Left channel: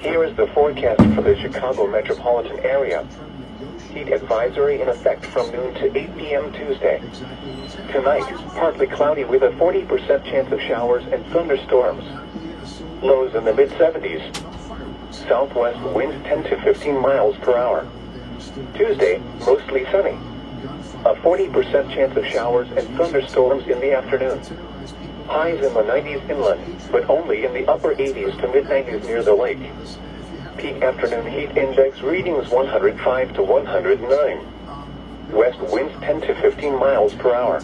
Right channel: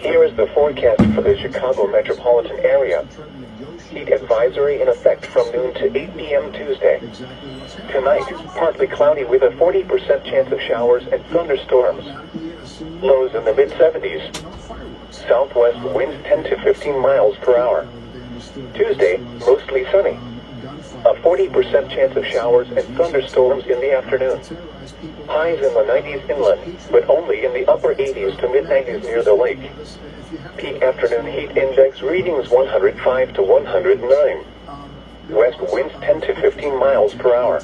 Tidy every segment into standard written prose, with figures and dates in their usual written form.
Here is the forecast for the Chicago metropolitan area. Heat advisory in effect from noon to 8 p.m. Tuesday. Tonight, partly cloudy with a 40% chance of showers and thunderstorms. Lows in the mid-70s. Southwest winds 10 to 15 miles per hour. Tuesday, mostly sunny. A 40% chance of showers and thunderstorms in the afternoon. Highs in the 90s inland, but only in the upper 80s to mid-90s near the lake. Peak afternoon heat index readings 105 to 109. West winds 10 to 15 miles per hour.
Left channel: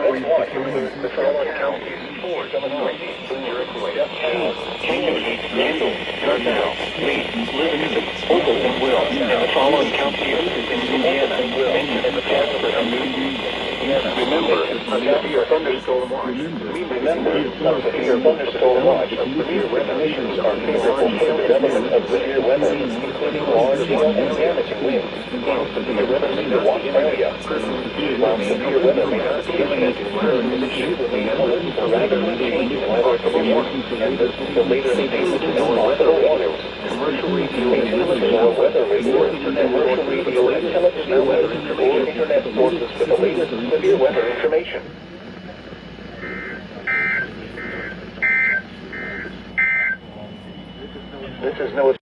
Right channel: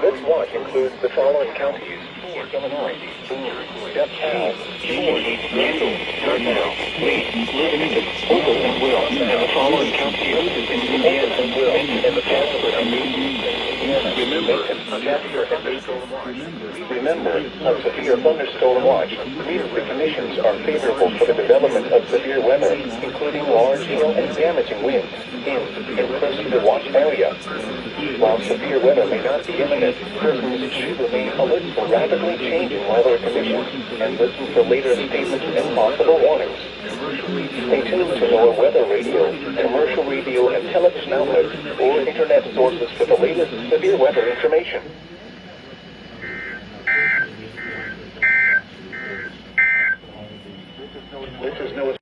This watch includes the following counties: Illinois, Boone, DeKalb, Kimberly, Randall, Dartmouth, Lee, Livingston, Opal, and Will, and the following counties in Indiana, Benton, and Casper, and Remember, a severe thunderstorm watch means the conditions are favorable for the development of severe weather, including large hail and damaging winds, in the watch area. While severe weather may not be imminent, persons should remain alert for rapidly changing weather conditions and listen to later statements and possible warnings. Stay tuned to NOAA Weather Radio, commercial radio and television outlets, or internet sources for the latest severe weather information. This is NOAA.